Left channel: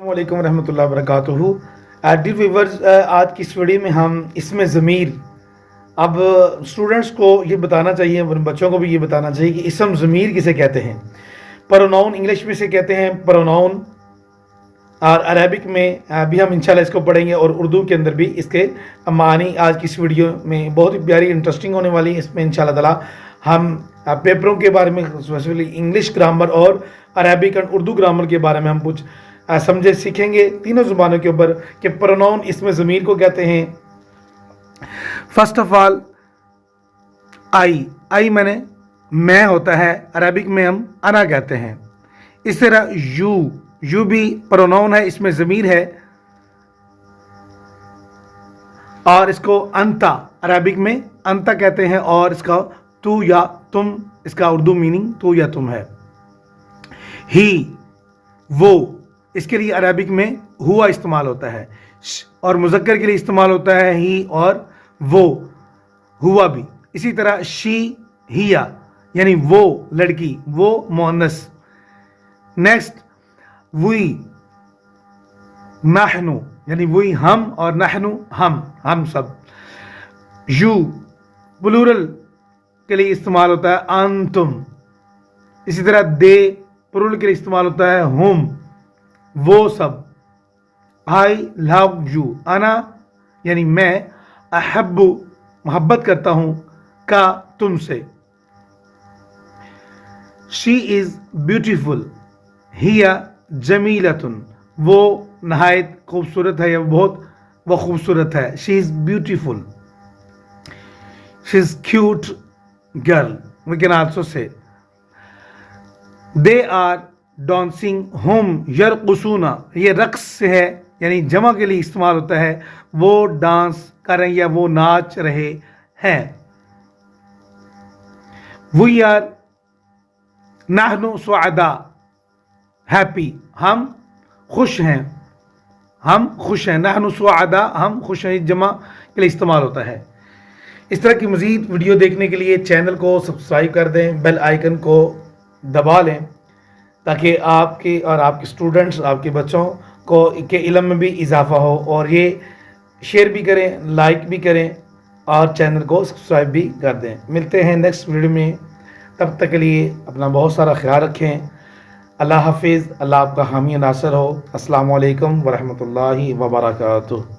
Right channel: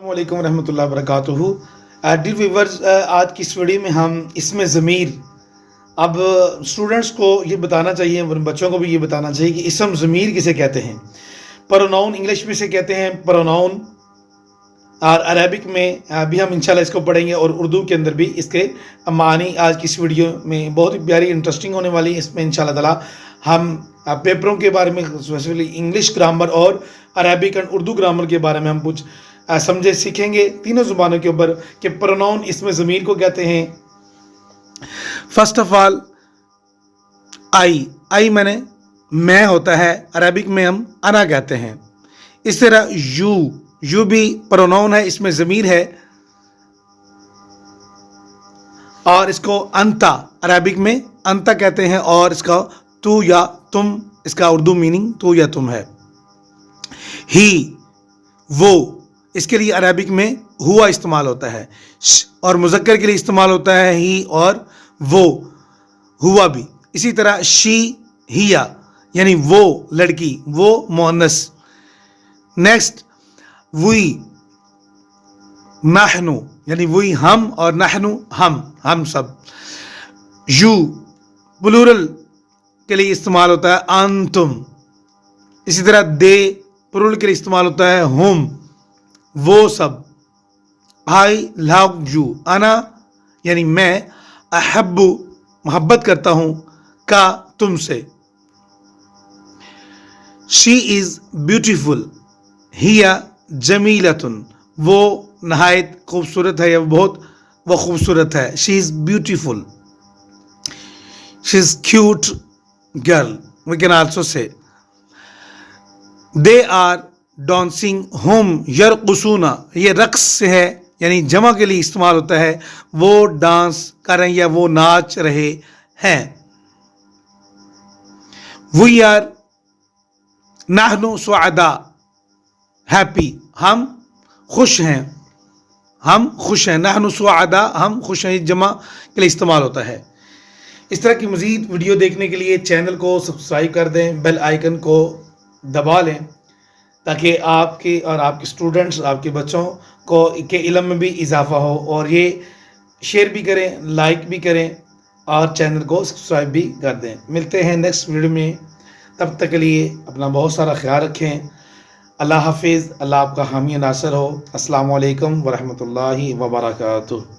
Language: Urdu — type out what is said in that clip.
السلام علیکم ورحمۃ اللہ وبرکاتہ۔ ڈیئر ویورز، آج کی اس ویڈیو میں ہم اسم ضمیر، اب اسٹوڈنٹس کو یہ بتانا چاہیے، بچوں کو بھی یہ بتانا چاہیے کہ اسم ضمیر کسے کہتے ہیں۔ پروناؤن انگلش میں سے کہتے ہیں پروناؤن، اور عربک میں بھی ہم انشاءاللہ اس کو پڑھیں گے، اور اردو کے اندر بھی اس کے معنی آج کی اس ویڈیو میں بہت ہی پیاری انٹرسٹنگ ہونے والی ہے۔ اس میں انشاءاللہ تعالی ہم پیپروں کے بارے میں اسپیشلی انگلش گرامر اور عربک اور اردو گرامر کے بارے میں ہم کچھ سمجھے سیکھیں گے تینوں زبانوں کے اوپر کہ پروناؤن اسم ضمیر کو کہتے ہیں۔ فرسٹ آف آل آئی میں ہوتا ہے، عربک میں ہم انا کہتے ہیں۔ اس طرح یو بھی پروناؤن ہے، اس میں ضمیر ہے، اور اس کو انتا عربک میں انتا کہتے ہیں، اور اس کا تو یا تم، اس کا اردو میننگ تو یا تم ہے۔ ہی وہ، اس کے لیے عربک میں ہوا استعمال ہوتا ہے، اور مذکر کے لیے استعمال ہوتا ہے ہی اور وہ، ہوا بھی۔ اسی طرح شی ہیا یعنی وہ لڑکی، وہ مؤنث۔ نیکسٹ وی نحنو یعنی وہی ہم، اور نحنو ہم سب۔ یو پلورل کے لیے استعمال ہوتا ہے انتم۔ اسی طرح دے پلورل کے لیے استعمال ہوتا ہے ہم، وہ سب۔ آئی لو یو، انا یعنی میں، احب محبت کرتا ہوں، کا تم سے۔ شی از بیوٹیفل، ہیا جمیلتن، وہ نہایت خوبصورت ہے یا وہ خوبصورت ہے۔ She is beautiful, she is cute girl, we can also say. They are dancing ہم یرقصون، یہ رقص سے ہے یعنی جمع کے لیے استعمال ہوتا ہے، وہ ڈانس کر رہے ہیں یا وہ ناچ رہے ہیں۔ وی آر نحن سعداء ہیپی، ہم خوش ہیں، نحن سعداء ہم خوش ہیں، جمع کے لیے استعمال ہوتا ہے۔ اس طرح کی مزید ویڈیو دیکھنے کے لیے چینل کو سبسکرائب کر دیں، بیل آئیکن کو دبا لیں، تاکہ آپ کے اور آپ کے اسٹوڈنٹس، آپ کے بچوں کو کے علم میں بھی اضافہ ہو، اور یہ شیئر بھی کریں، لائک بھی کریں، اور چینل کو سبسکرائب بھی کر دیں۔ ملتے ہیں نیکسٹ ویڈیو میں، تب تک کے لیے اپنا بہت سارا خیال رکھیں۔ اللہ حافظ، اللہ آپ کا حامی ناصر ہو۔ السلام علیکم ورحمۃ اللہ وبرکاتہ۔